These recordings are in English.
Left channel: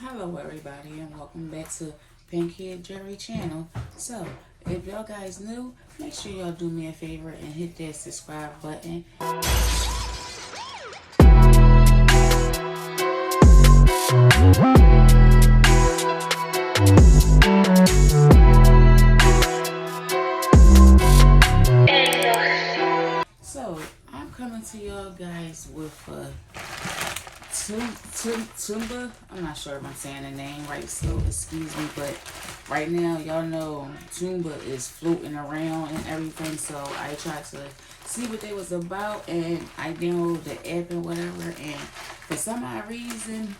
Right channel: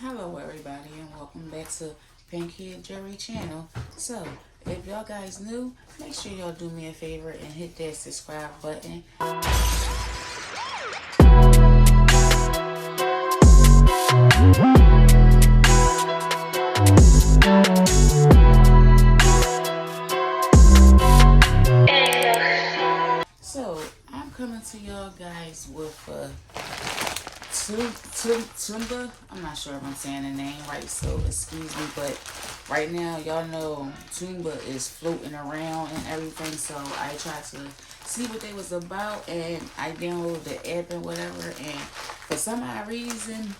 Hello everybody and welcome back to Pinky Jerry channel. So if y'all guys new, make sure y'all do me a favor and hit that subscribe button. So I'm coming to y'all guys with Tumba. I'm not sure if I'm saying the name right, so excuse me, but right now y'all know Tumba is floating around and everything, so I tried to see what they was about and I downloaded the app and whatever, and for some odd reason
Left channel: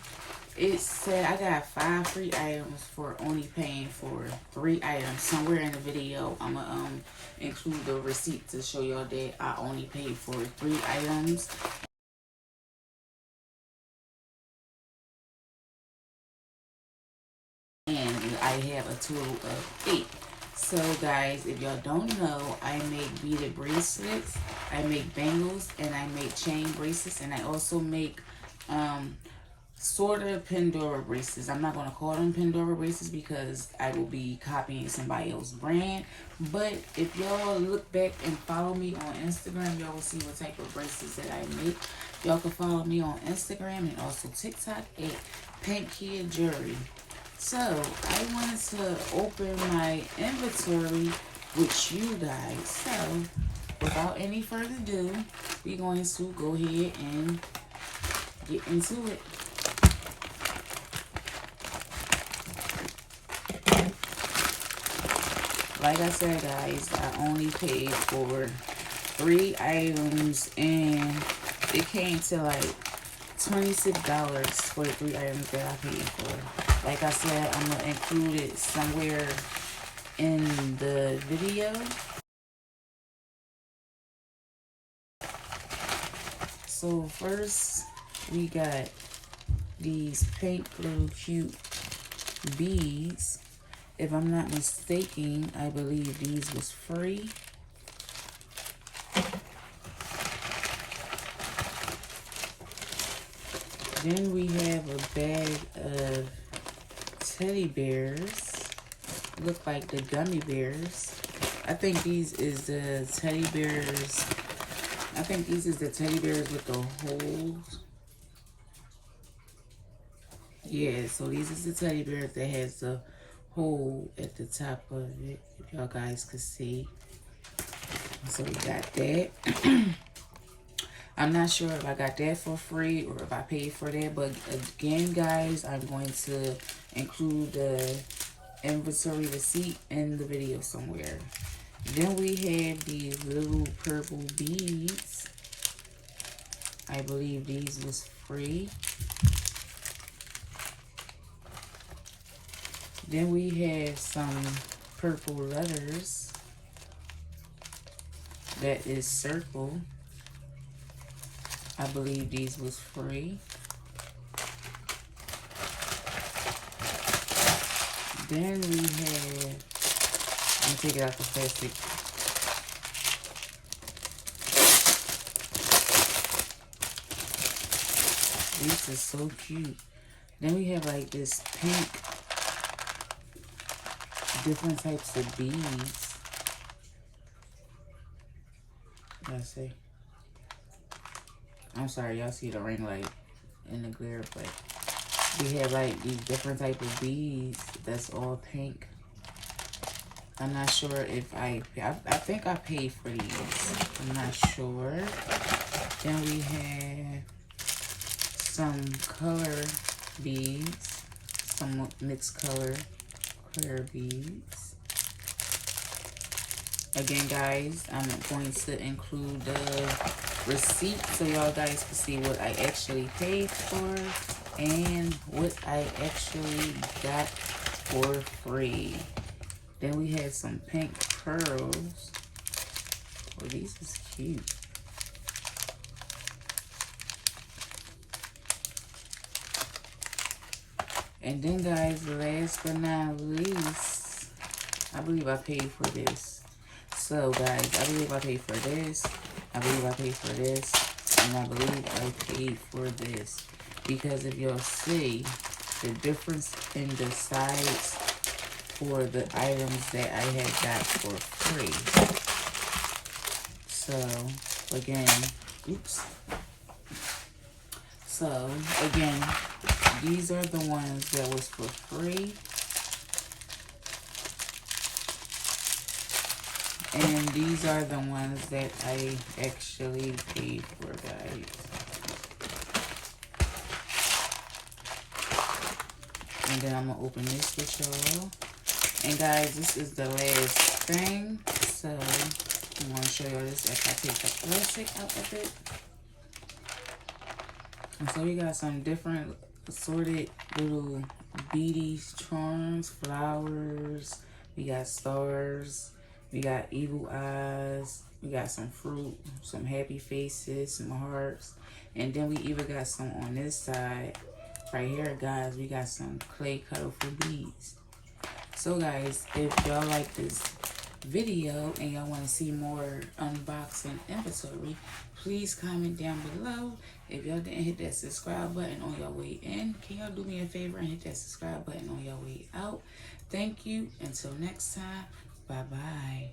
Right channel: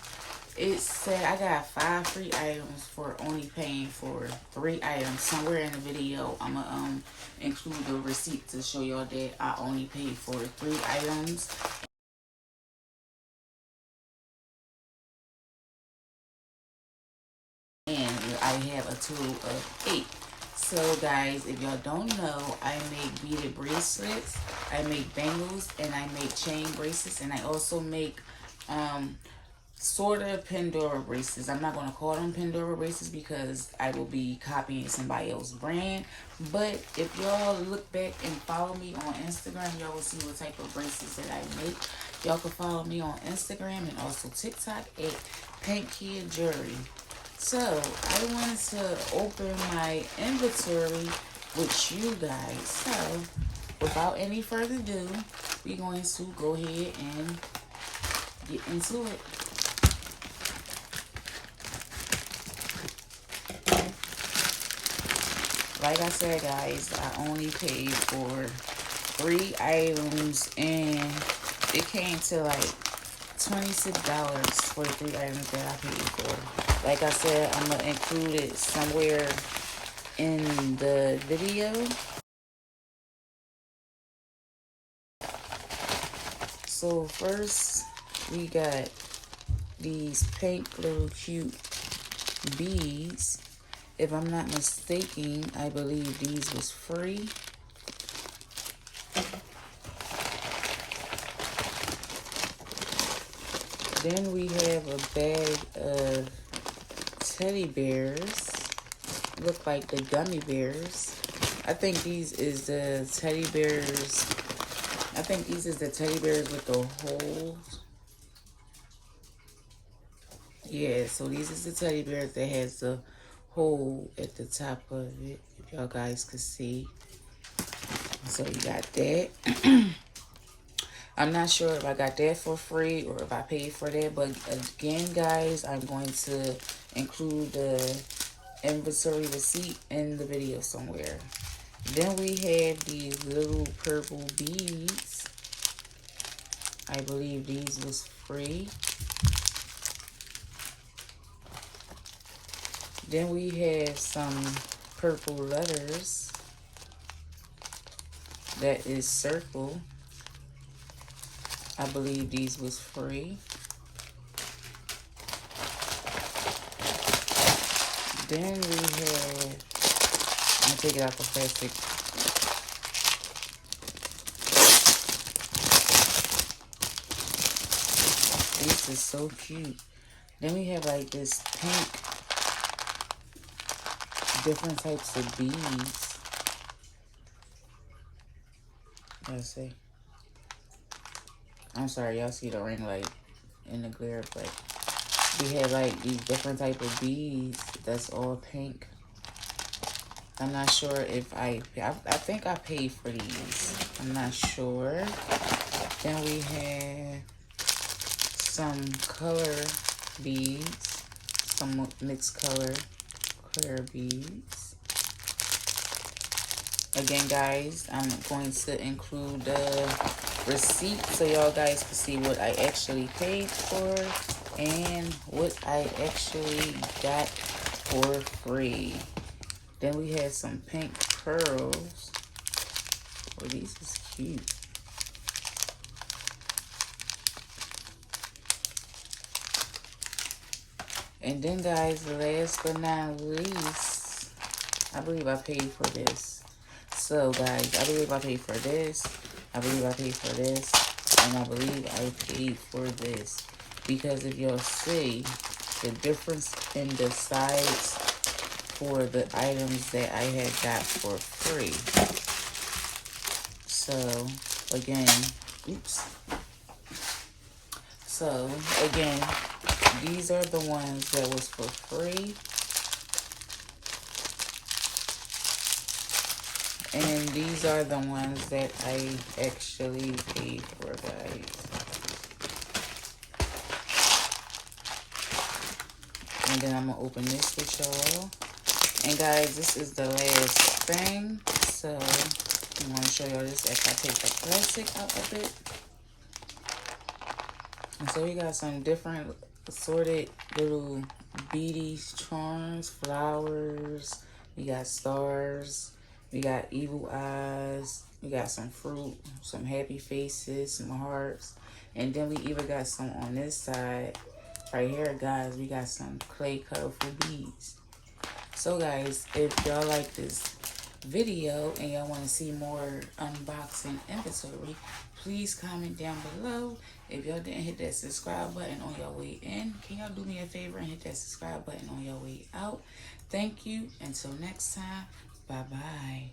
it said I got 5 free items for only paying for 3 items. Somewhere in the video I'm gonna include the receipt to show y'all that I only paid for 3 items. And I have a total of 8. So guys, if y'all don't know, I make beaded bracelets, I make bangles, and I make chain bracelets, and I also make sort of Pandora bracelets. I'm not going to call them Pandora bracelets because I will be copying somebody else's brand. But if y'all look back and follow me on Instagram, y'all will see what type of bracelets that I make. Y'all can follow me on Instagram and also TikTok at Pinky Jerry. So I wanted to open my inventory with you guys. So without any further ado, we're going to go ahead and get into it. Like I said, guys, I only paid for 3 items and it came to like $26 for the 3 items that I paid for. Like I said, I'm going to include it somewhere in the video. So first, we got these pink little cute beads. If I'm not mistaken, I believe these was free. Then we have a bag of teddy bears. Look like the gummy bears. I think these is the teddy bears. I think these is the teddy bears with the holes. Yeah, so these is the teddy bears that has the hole at the top of it. If y'all guys could see. So we got that. I'm not sure if I got that for free or if I paid for that, but again, guys, I'm going to include the inventory receipt in the video somewhere. Then we have these little purple beads. I believe these was free. Then we have some purple letters. That is circle. I believe these was free. Then we have, I'm gonna take it out the plastic. This is so cute. Then we have like this pink, different types of beads. Y'all see? I'm sorry, y'all see the ring light in the glare, but we have like these different type of beads that's all pink. I'm not sure if I think I paid for these. I'm not sure. Then we have some color beads, some mixed color clear beads. Again, guys, I'm going to include the receipt so y'all guys can see what I actually paid for and what I actually got for free. Then we had some pink pearls. Oh, these is cute. And then, guys, last but not least, I believe I paid for this. So, guys, I believe I paid for this. I believe I paid for this. And I believe I paid for this. Because if y'all see, the difference in the size for the items that I had got for free. So again, oops. So again, these are the ones that was for free. And these are the ones that I actually paid for, guys. And then I'm going to open this with y'all. And guys, this is the last thing. So I'm going to show y'all this after I take the plastic out of it. And so we got some different assorted little beady charms, flowers. We got stars. We got evil eyes. We got some fruit, some happy faces, some hearts. And then we even got some on this side. Right here, guys, we got some clay colorful beads. So, guys, if y'all like this video and y'all want to see more unboxing inventory, please comment down below. If y'all didn't hit that subscribe button on your way in, can y'all do me a favor and hit that subscribe button on your way out? Thank you. Until next time, bye-bye.